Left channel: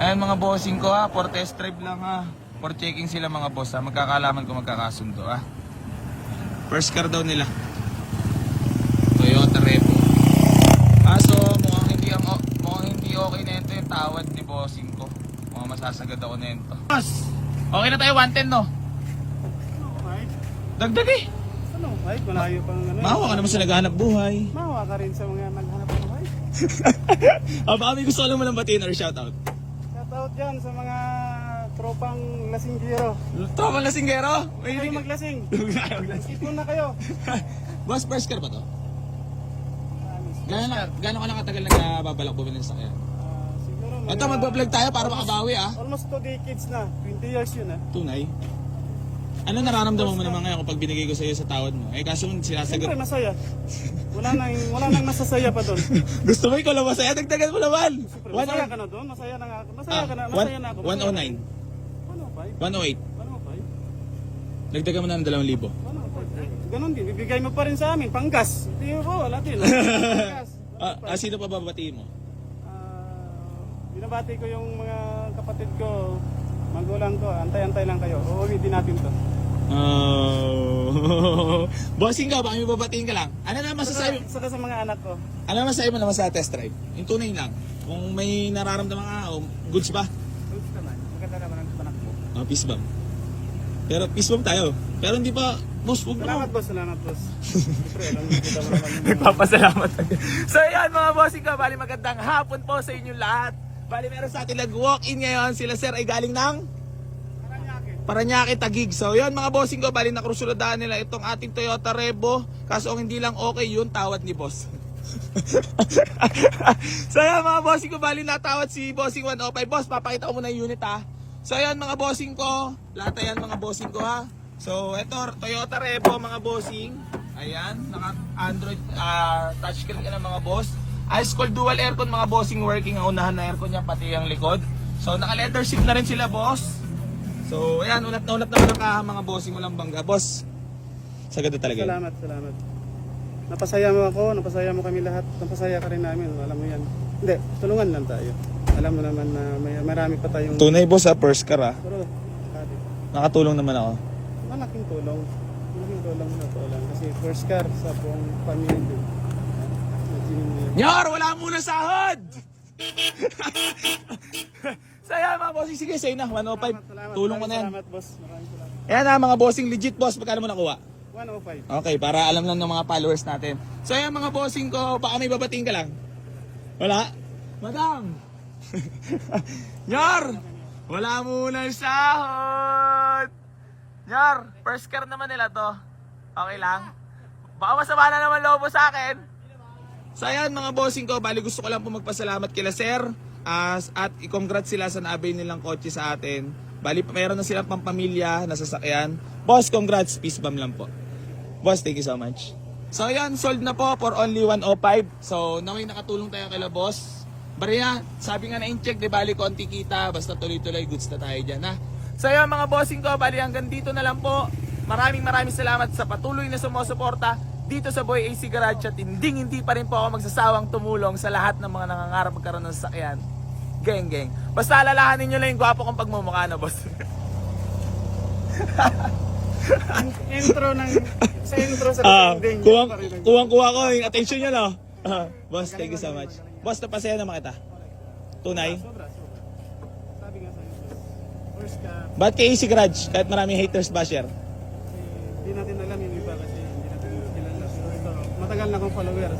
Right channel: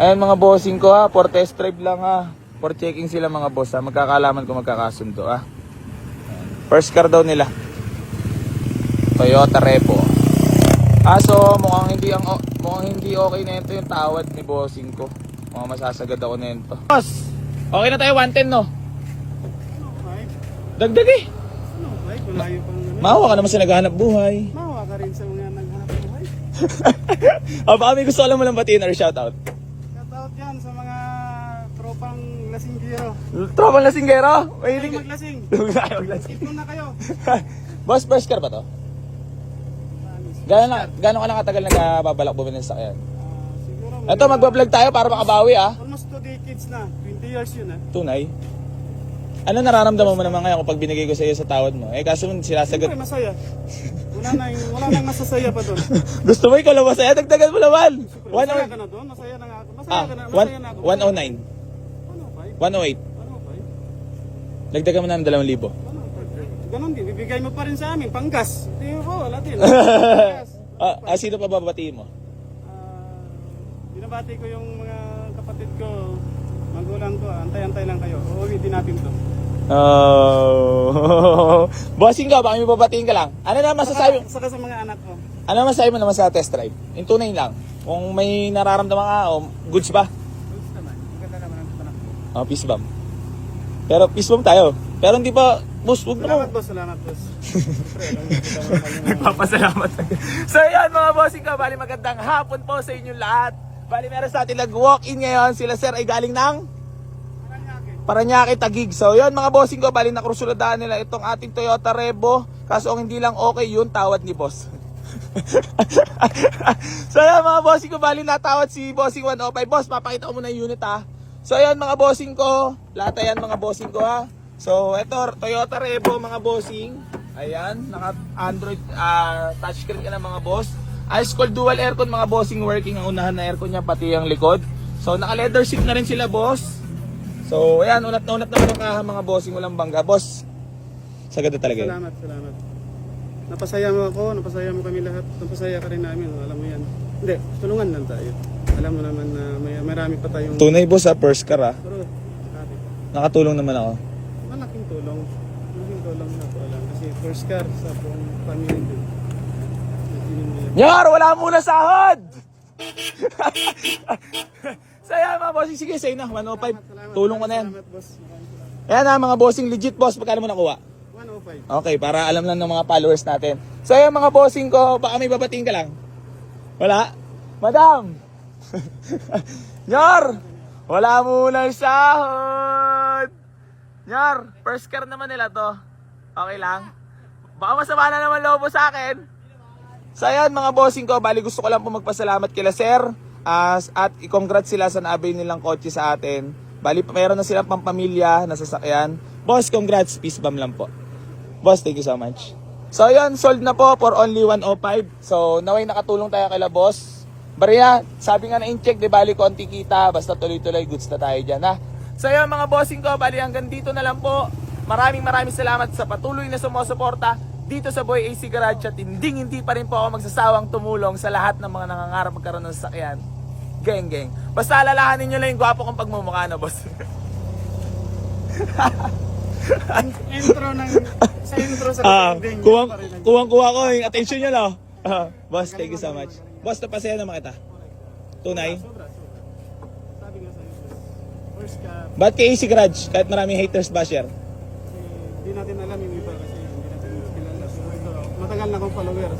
Ayan mga bossing ko ha, for test drive lang ha. For checking sila mga boss ha. Magkakalaman kung magkakasundo ha. First car daw nila. Toyota Revo. Kaso mukhang hindi ang mukhang hindi okay na ito yung tawad ni bossing ko. Mukhang masasagad ako na ito. Boss, okay na tayo 110 no? Ay, Dagdag eh. ano? Ay, malayo pang ano. Mawa ka naman sa naghahanap buhay. Mawa ka rin sa mga naghanap buhay. ah, baka may gusto ka lang mo lang batiin or shoutout. Dyan sa mga tropang lasinggero. Tropang lasinggero. Ay, Ay, maglasing. Tayo maglasing. Ipon na kayo. Boss, first car ba to? Gano'n na, gano'n ka na katagal nagbabalak bumili ng sakyan? Ah, siguro mga- Ito, magbablog tayo para makabawi ah. Almost 2 decades na. 20 years yun ah. Tunay. Ano nararamdaman mo naman ngayon kapag binigay ko sa iyo sa tawad mo? Eh kaso sinasagot. Siyempre masaya. Wala nang, wala nang masasaya pa doon. Gusto mo ikaw lang masaya? Dagdagan mo naman. Siyempre, One masaya or, ka na doon. Masaya na nga ako. Masaya ah, ka na. one, Masaya na ako. 109. Ano pa? 108. Ano pa? Dagdagan mo na ng 2,000. Ano pa? Ganon din. Bibigay mo pa rin sa amin. Panggas. Hindi ko. Wala din. Panggas. Ah, ah, sino pa babatiin mo? Ah, binabati ko yung mga kapatid ko, magulang ko, antay-antay lang kayo. Uuwi din natin to. Oh. Bossing ka, baka may babatiin ka lang. Ano na masasabi? Saka, saka sa mga anak ko. Ano masasabi mo naman sa test drive? Yung tunay lang. Kung may nararamdaman ka, oh, goods ba? Goods naman. Maganda naman ang anak ko. Oh, peace bomb. Pero peace bomb tayo. Pero hindi pa, boss, huwag mo. Salamat boss, salamat boss. Mo mo Nagpapasalamat. so yan mga bossing ka, bali magandang hapon po sa inyo lahat. Bali meron sa atin nag-walk-in ngayon. Sila sir ay galing ng Paranaque. Tagig. So yun mga bossing ko, bali nakrusuladaan nila itong ating Toyota Revo. Kaso ang hindi lang okay yun, tawad ni boss. so yan mga bossing ko, bali natawad si bossing 105. Boss, papakita ko muna yung unit ha. So yan mga bossing ko, lahat yan mga bossing ko ha. So ito, Toyota Revo mga bossing. Ayan, naka Android ah, touchscreen ka mga boss. Ice cold dual aircon mga bossing working ang unahan na aircon niya pati ang likod. So naka leather seat na rin sila boss. So ayan, unat na unat ang kaha mga bossing walang bangga. Boss, sagad na talaga yun. Salamat, salamat. Napasaya mo ako, napasaya mo kami lahat. Napasaya ka rin namin, alam mo yan. Hindi, tulungan lang tayo. Alam mo naman na may marami pa tayong... Tunay boss ha, first car ha. Pero, sabi, Nakatulong naman ako. malaking tulong. Malaking tulong na to lang. Kasi first car sa buong pamilya ko. Nyar, wala muna sahod! so ayan mga bossing, sige sa'yo na, 105. Tulong ko na yan. Salamat boss. Ayan na mga bossing, legit boss, pagkano mo nakuha? 105. Okay, para alam lang ng mga followers natin. So ayan mga bossing ko, baka may babating ka lang. Wala? Madam! Nyar! Wala muna sahod! Nyar, first car naman nila to. Okay lang? Baka masama na naman loob mo sa akin. So ayan mga bossing ko, bali gusto ko lang po magpasalamat kila sir as, at i-congrats sila sa naabay nilang kotse sa atin. Bali meron na silang pampamilya na sasakyan. Boss, congrats, peace bomb lang po. Boss, thank you so much. So yun, sold na po for only 105. So naway nakatulong tayo kay boss. Bariya, sabi nga na in-check, di bali konti kita, basta tuloy-tuloy goods na tayo dyan ha. So yun mga bossing ko, bali hanggang dito na lang po. Maraming maraming salamat sa patuloy na sumusuporta dito sa Boy AC Garage at hindi hindi pa rin po ako magsasawang tumulong sa lahat ng mga nangangarap magkaroon ng sasakyan. Geng, geng. Basta alalahanin nyo lang yung gwapo kong pagmumukha na, boss. intro ng... Sa intro sa Ah, ending. kuwang, kuwang kuha ko yung attention nyo, no? Ah, boss, thank you so much. Boss, napasaya naman kita. Tunay. Sobra, sobra. Sabi nga sa intro. First car. Ba't kay AC Garage? Kahit maraming haters basher. Matagal na akong follower.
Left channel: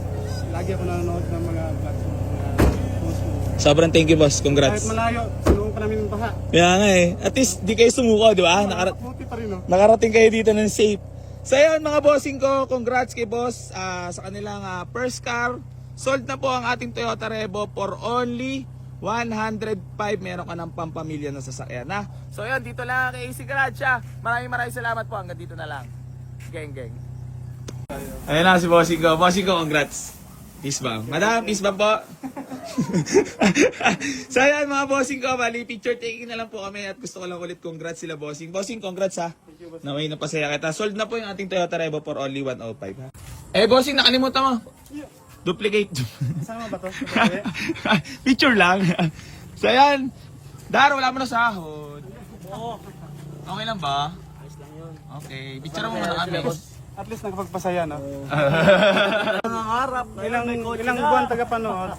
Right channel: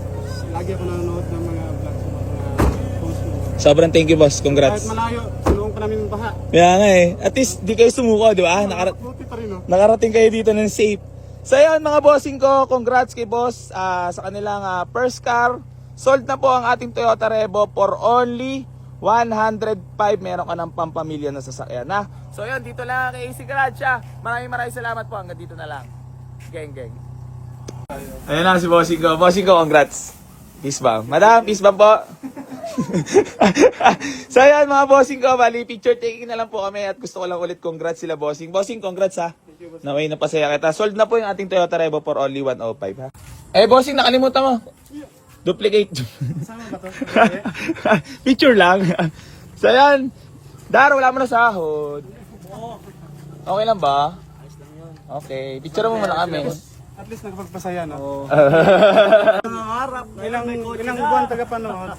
Lagi ako nanonood ng mga vlogs mo, mga posts mo. Sobrang thank you, boss. Kahit Congrats. malayo, sinuong pa namin yung baha. Kaya nga eh. At least, di kayo sumuko, di ba? Nakara- Buti pa rin, no? nakarating kayo dito ng safe. So yun mga bossing ko, congrats kay boss ah, sa kanilang ah, first car. Sold na po ang ating Toyota Revo for only 105. Meron ka ng pampamilya na sasakyan na. So yun, dito lang kay AC Garage ah. Maraming maraming salamat po. Hanggang dito na lang. Geng, geng. Ayun na si bossing ko. Bossing ko, congrats. Peace bomb. Madam, peace bomb po. so yan mga bossing ko, bali picture taking na lang po kami at gusto ko lang ulit congrats sila bossing. Bossing, congrats ha. Thank you, boss. Naway kita. Sold na po yung ating Toyota Revo for only 105 ha. Eh bossing, nakalimutan mo. Duplicate. Kasama ba to? Picture lang. so yan. Dar, wala mo na sahod. Okay lang ba? Okay, picture mo muna kami. At least nakapagpasaya na. Nangangarap. Ilang, ilang buwan tagapanood.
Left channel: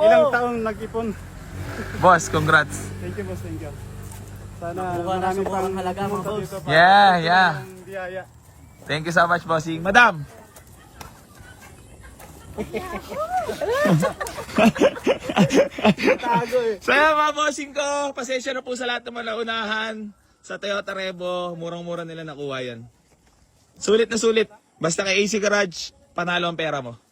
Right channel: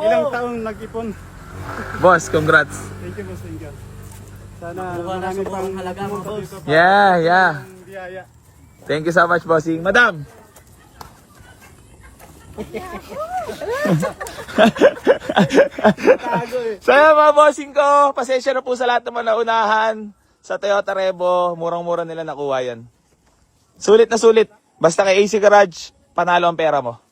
Ilang taong nag-ipon. Boss, congrats. Thank you, boss. Thank you. Sana Bukan na marami subukan pang halaga, mga pumunta boss. dito para Yeah, yeah. ng biyaya. Thank you so much, bossing. Madam! so mga bossing ko, pasensya na po sa lahat ng mga naunahan sa Toyota Revo. Murang-mura nila nakuha yan. Sulit na sulit. Basta kay AC Garage, panalo ang pera mo.